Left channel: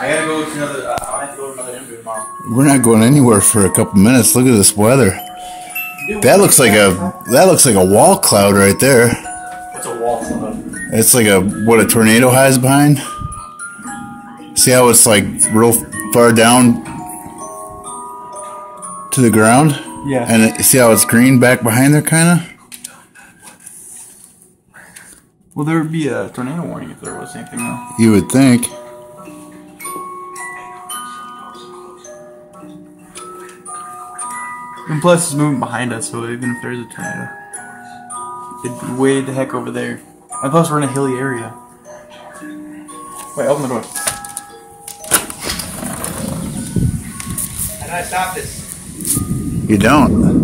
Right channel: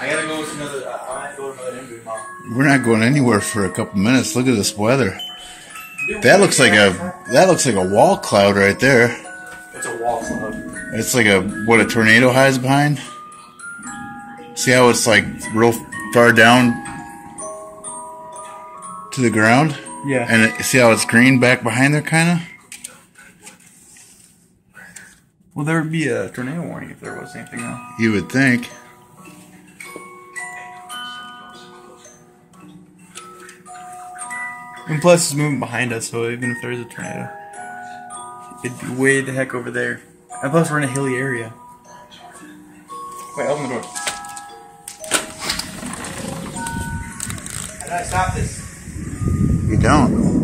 I gotta go to another. I have to go to another interview tomorrow. We're not going anywhere for a couple minutes. Look at this weather. That looks like a wall cloud right there. What's a wall cloud? It's like what a tornado hides behind. See how it's like real far down to the ground? Yeah. And see how it's green back behind there, kind of? Well, there would be a tornado warning if there was anything, though. You would think. And plus, it's moving behind us, so even if there's a tornado, it'd be way the heck over there. And plus, we're in a hilly area. Wait, open the door. How do I stop this? You don't.